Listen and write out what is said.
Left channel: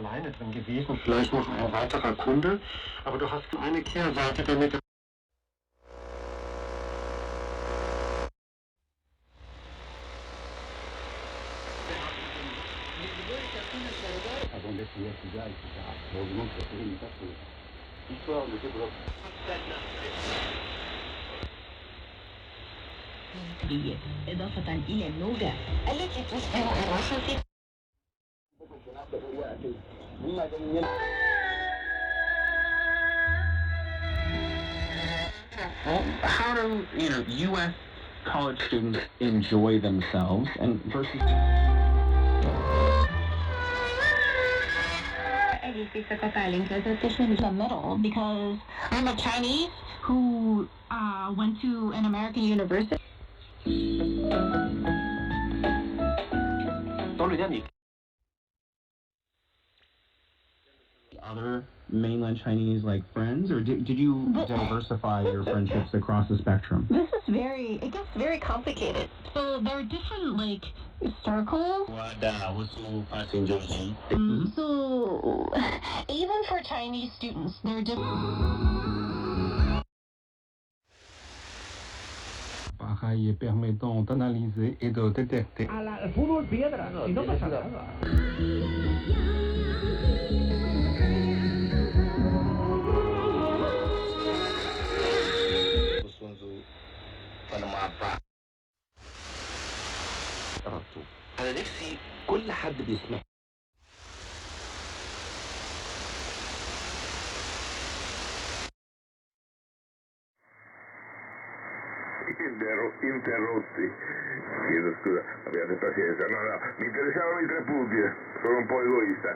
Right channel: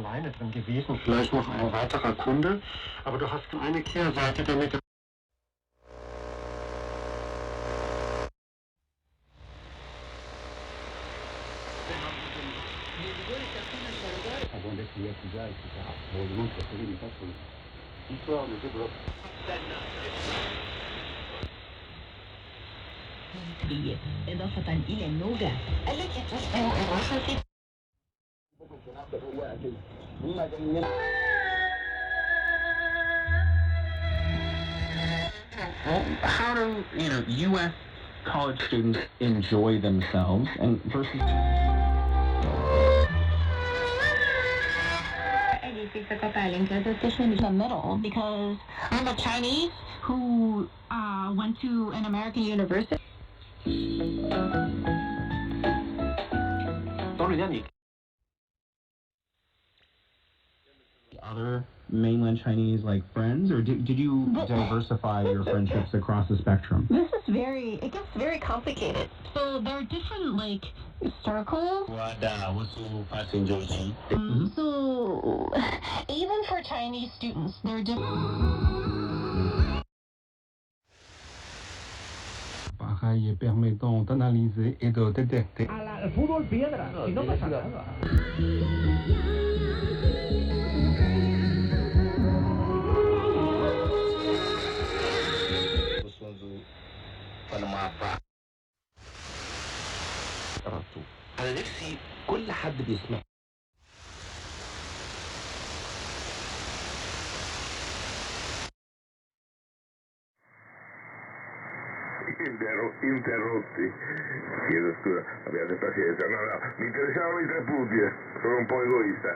alleine drin gewesen, vielleicht noch ein weiterer Kunde, aber du hast eine Kehrseite damit. إضافة إلى اللغة التي تصبح الوسط. How do U.S. college students enjoy themselves and versus? In the middle because I'm a Chinese who went to an American university. Other mainland Chinese like friends, or did you diversify your friendships across the spectrum? It gets very complicated. So there are different like circles. So even for Chinese students, there are different. Y permettant d'analyser et de détecter. Al fútbol piedra, si no pasa nada. أنا نفسي كل حد بيسمع. Interrotti. Chiedo scusa, abbiate pazienza. No, mi interessavano i 3 punti, sono un po' egoista.